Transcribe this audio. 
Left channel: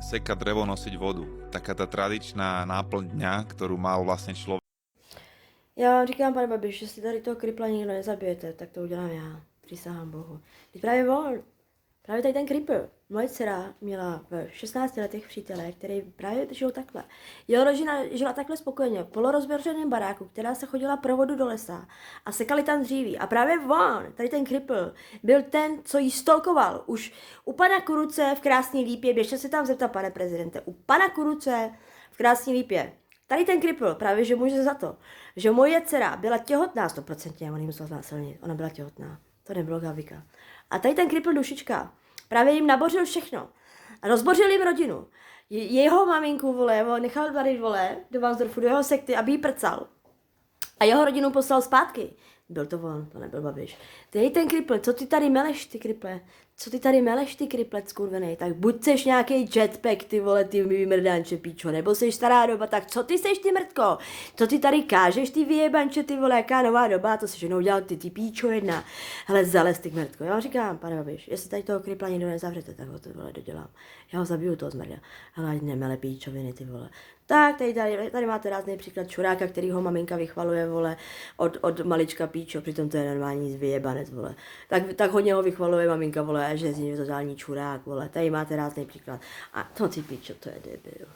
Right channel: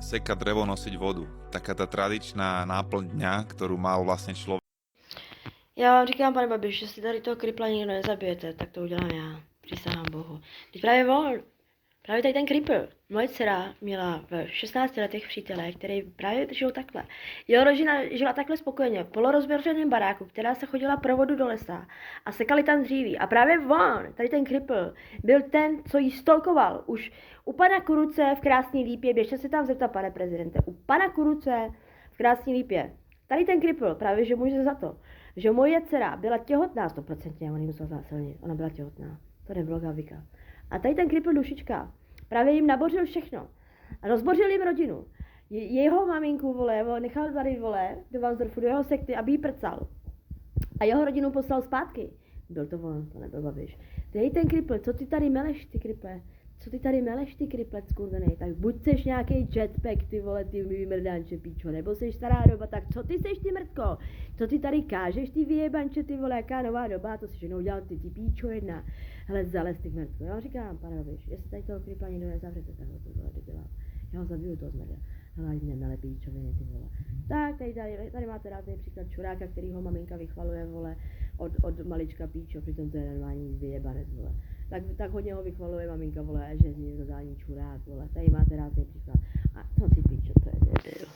Sekať drevo, nosiť vodu. Taká tá tradičná náplň dňa, ktorú mal vlastne človek. Já vám říkám, pane Babiš, že si tady toho kripla nikdo nezabijete, tak to udělám já. Přísahám Bohu. Teď právě on, právě tady ten kripl. Moje dcera měla v 16 letech přítele, který právě žil takhle. Jeho rodina žila takhle spokojeně, v polorozběřeném baráku, která se chodila pro vodu do lesa a sekali tam dříví. A právě on, tady ten kripl, byl ten, co jí stolkoval. Už u pana Kuruce v Krásné Lípě, běžte se tam zeptat, pane prezidente, u pana Kuruce v Krásné Lípě. Tady ten kripl, právě že může za to, že moje dcera byla těhotná 100%, on jí musel znásilnit, ona byla těhotná, to nebylo Gavika. A tady ten kripl dušička, právě jim nabořil všechno. A rozbořil jim rodinu. Jeho maminku, vole, nechal tady, vole, do Vansdorfu, do jeho sekty, aby jí prcal. A jeho rodinu poslal zpátky. Byl to on, to nebyl Babiš. Ty ten kripl, co ty tady meleš, ty kriple? Co ty tady meleš, ty kriple, skurvenej? Tak buď seš nějaký jetpack, ty vole, ty vymrdanče, píčo, nebo seš stará doba, tak co ty seš, ty mrtko? Co ty tady kážeš, ty vyjebanče, ty vole, jaká nová doba, to se jenom dělal ty píčo jedna. Hele, zales, ty mrtko. Já vám říkám, pane Babiš, jestli tady toho kripla nikdo nezavřete, tak ho to, vole, dodělám. Já ho zabiju, toho zmrda. Hele, nemele píčoviny, ty vole. Tak, tady máte rázný příklad čuráka, který ho maminka vychvaluje, vole, od malička píčo, přitom to je normální vyjebanec, vole. Tak hodně ho vychvaluje maminka, vole, že je z něj totální čurák, vole. Tady máte rázný příklad. A to ty píčo, to je debil.